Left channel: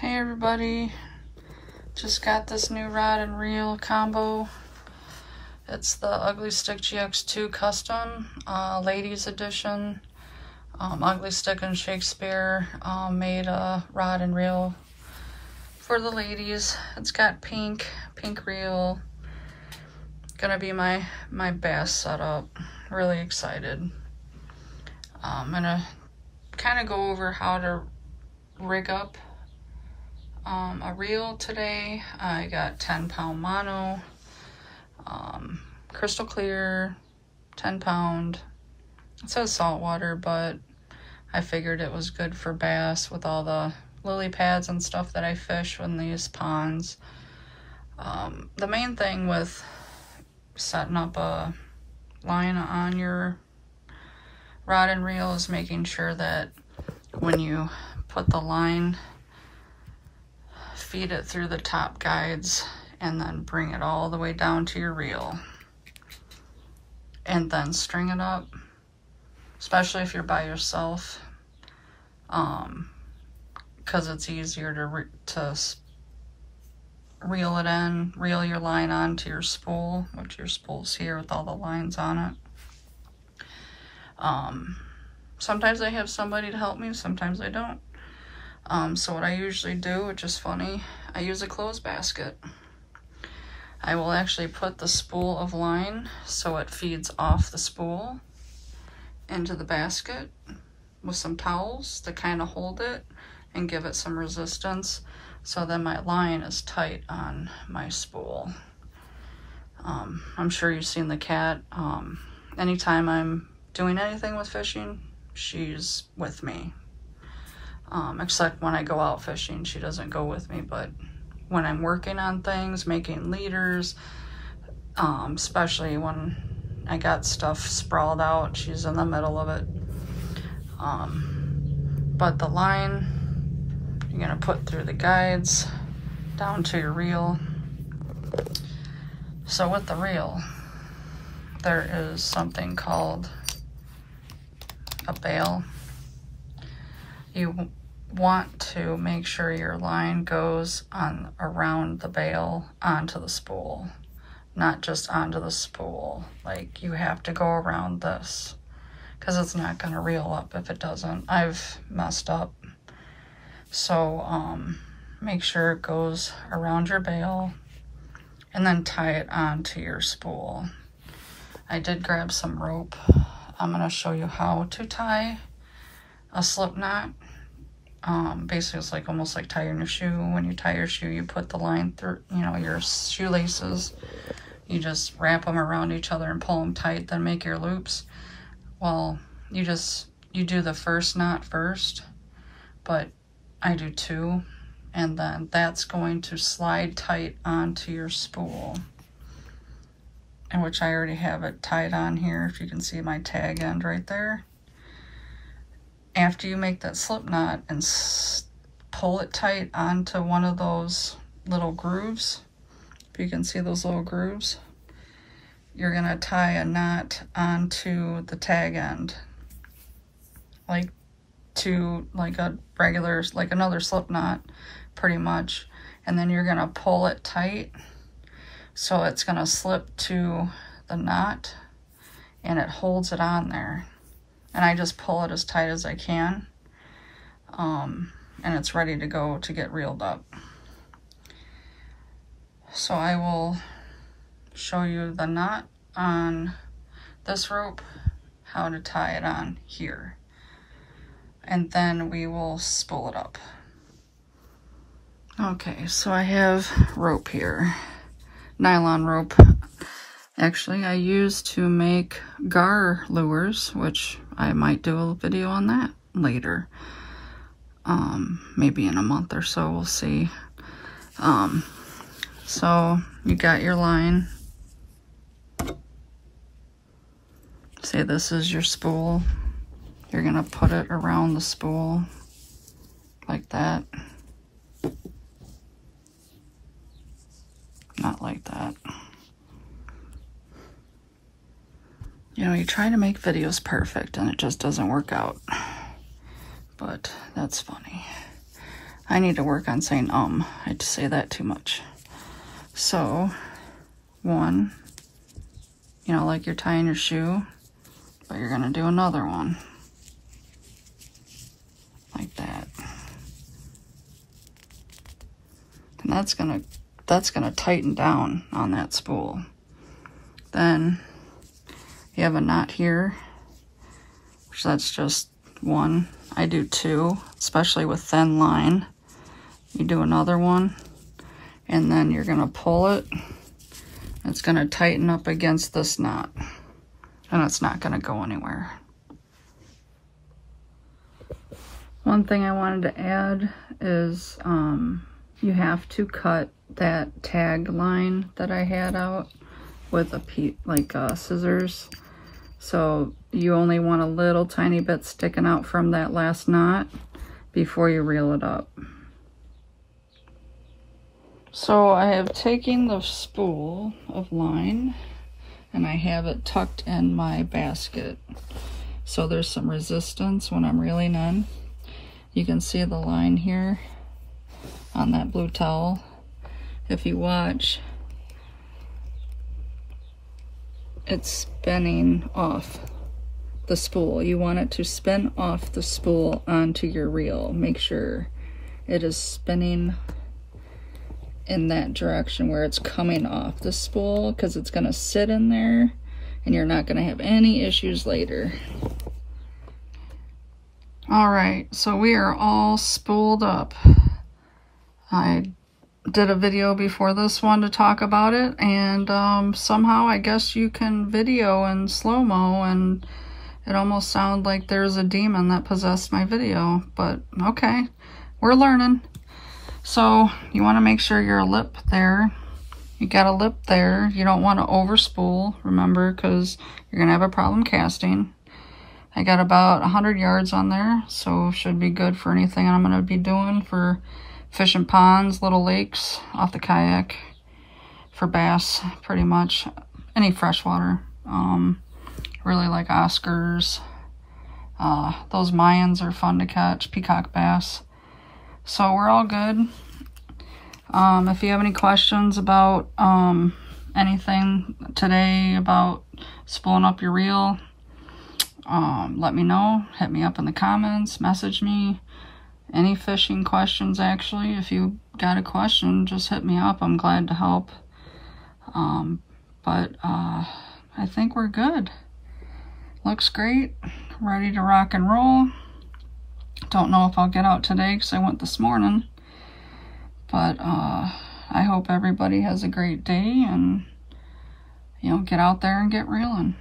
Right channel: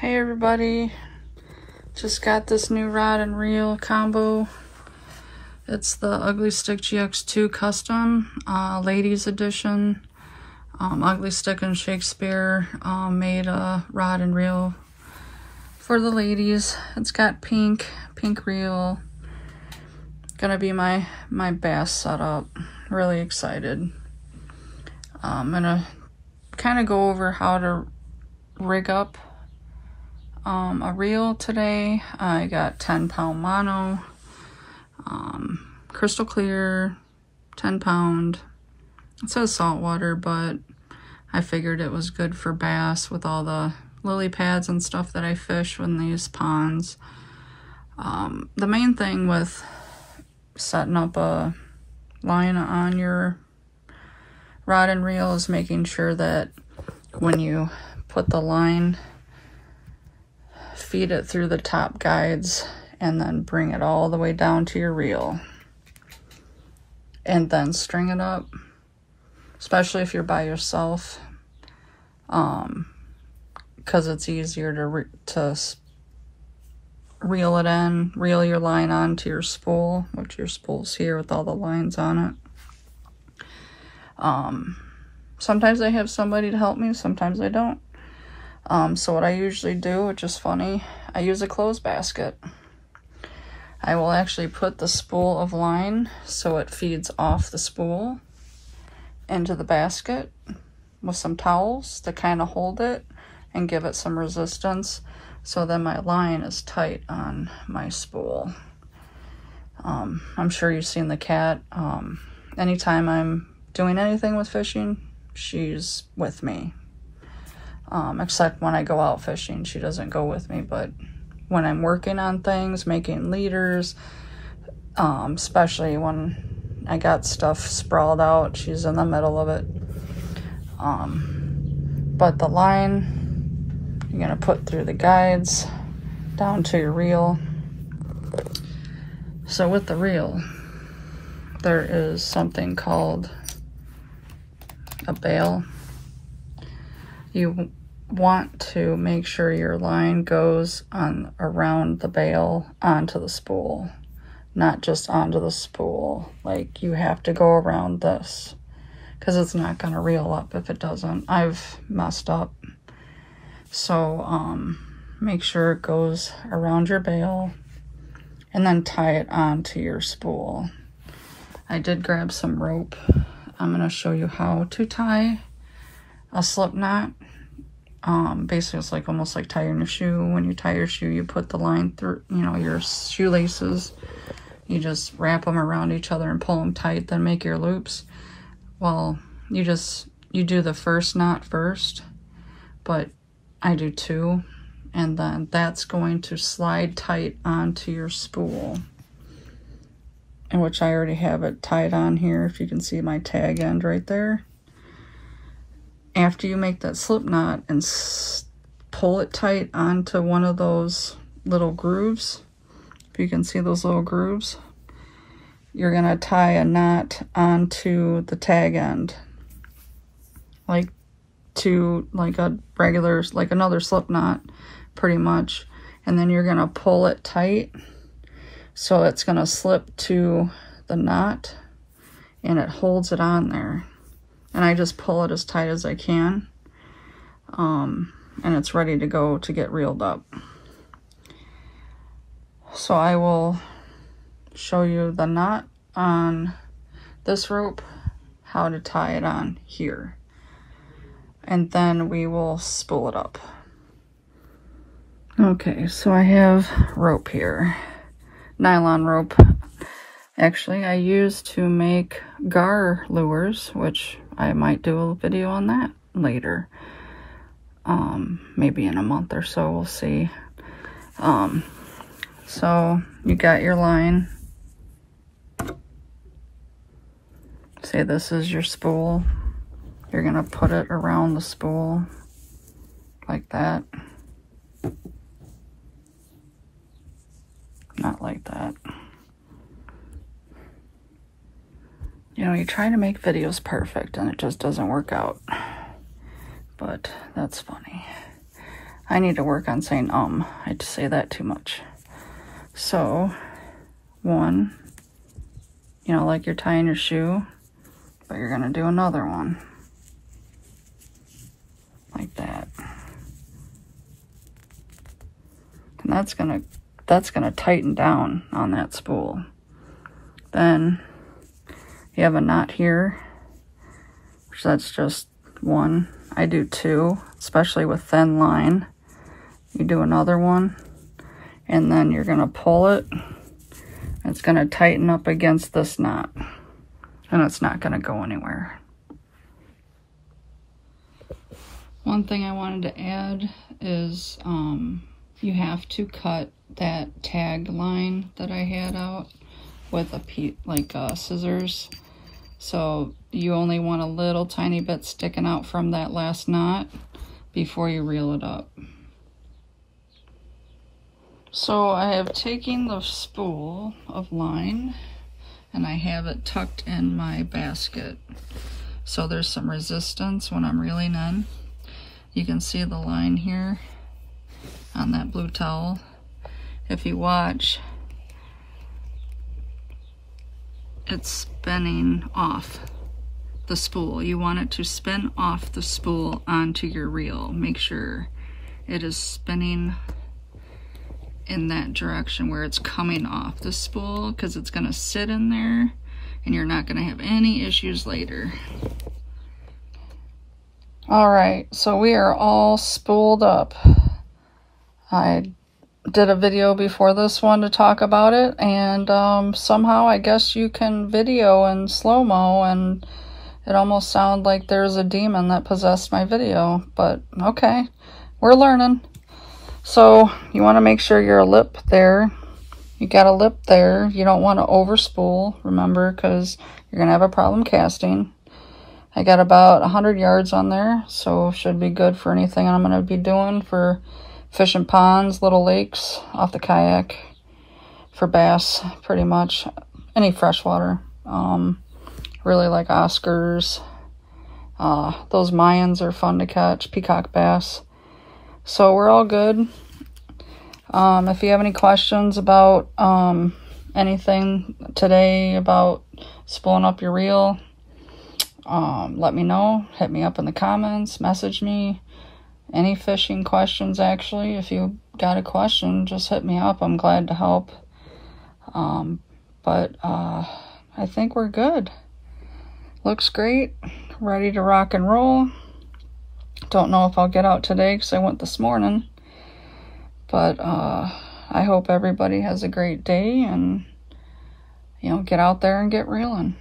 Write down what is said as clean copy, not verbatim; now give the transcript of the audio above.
Hey everybody, just got this new rod and reel combo. It's the Ugly Stick GX2 Custom, Ladies Edition. Ugly Stick and Shakespeare made a rod and reel for the ladies. It's got pink reel. Gonna be my bass setup. Really excited. I'm gonna kind of go over how to rig up a reel today. I got 10-pound mono, crystal clear, 10-pound. It says saltwater, but I figured it was good for bass with all the lily pads and stuff that I fish in these ponds. The main thing with setting up a line on your rod and reel is making sure that when you put the line, feed it through the top guides and then bring it all the way down to your reel and then string it up, especially if you're by yourself, because it's easier to reel it in, reel your line onto your spool, which your spool's here with all the lines on it. Sometimes I have somebody to help me, sometimes I don't. So what I usually do, which is funny, I use a clothes basket. I will actually put the spool of line so it feeds off the spool into the basket with some towels to kind of hold it and give it some resistance, so then my line is tight on my spool. I'm sure you've seen the cat. Anytime I'm doing anything with fishing, she's with me. Except when I go out fishing, she doesn't go with me, but when I'm working on things, making leaders, especially when I got stuff sprawled out, she's in the middle of it. But the line, you're gonna put through the guides down to your reel. So with the reel, there is something called a bail. You want to make sure your line goes on around the bail onto the spool, not just onto the spool. Like, you have to go around this because it's not going to reel up if it doesn't. I've messed up. So make sure it goes around your bail and then tie it onto your spool. I did grab some rope. I'm going to show you how to tie a slip knot. Basically it's like almost like tying your shoe. When you tie your shoe, you put the line through, your shoelaces. You just wrap them around each other and pull them tight, then make your loops. Well, you do the first knot first, but I do two, and then that's going to slide tight onto your spool, in which I already have it tied on here. If you can see my tag end right there. After you make that slip knot and pull it tight onto one of those little grooves, if you can see those little grooves, you're gonna tie a knot onto the tag end, like a regular, like another slip knot, pretty much. And then you're gonna pull it tight so it's gonna slip to the knot and it holds it on there. And I just pull it as tight as I can, and it's ready to go to get reeled up. So I will show you the knot on this rope, how to tie it on here, and then we will spool it up. Okay, so I have rope here, nylon rope. Actually, I used to make gar lures, which I might do a video on that later. Maybe in a month or so, we'll see. So you got your line. Say this is your spool. You're gonna put it around the spool like that. Not like that. You try to make videos perfect and it just doesn't work out, but that's funny. I need to work on saying I have to say that too much. So, one, you know, like you're tying your shoe, but you're gonna do another one. Like that. And that's gonna tighten down on that spool. Then you have a knot here, which that's just one. I do two, especially with thin line. You do another one, and then you're gonna pull it. It's gonna tighten up against this knot, and it's not gonna go anywhere. One thing I wanted to add is you have to cut that tag line that I had out with scissors. So you only want a little tiny bit sticking out from that last knot before you reel it up. So I have taken the spool of line and I have it tucked in my basket. So there's some resistance when I'm reeling in. You can see the line here on that blue towel. If you watch, it's spinning off the spool. You want it to spin off the spool onto your reel. Make sure it is spinning in that direction where it's coming off the spool, because it's going to sit in there and you're not going to have any issues later. Alright, so we are all spooled up. I did a video before this one to talk about it, and somehow I guess you can video in slow-mo, and it almost sounded like there's a demon that possessed my video, but okay, we're learning. So you want to make sure your lip there, you got a lip there. You don't want to over spool, remember, because you're going to have a problem casting. I got about 100 yards on there, so should be good for anything I'm going to be doing for fishing ponds, little lakes, off the kayak, for bass, pretty much, any freshwater. Really like Oscars. Those Mayans are fun to catch, peacock bass. So we're all good. If you have any questions about anything today about spooling up your reel, let me know. Hit me up in the comments, message me. Any fishing questions, actually. If you got a question, just hit me up. I'm glad to help. But I think we're good. Looks great. Ready to rock and roll. Don't know if I'll get out today because I went this morning. But I hope everybody has a great day and, you know, get out there and get reeling.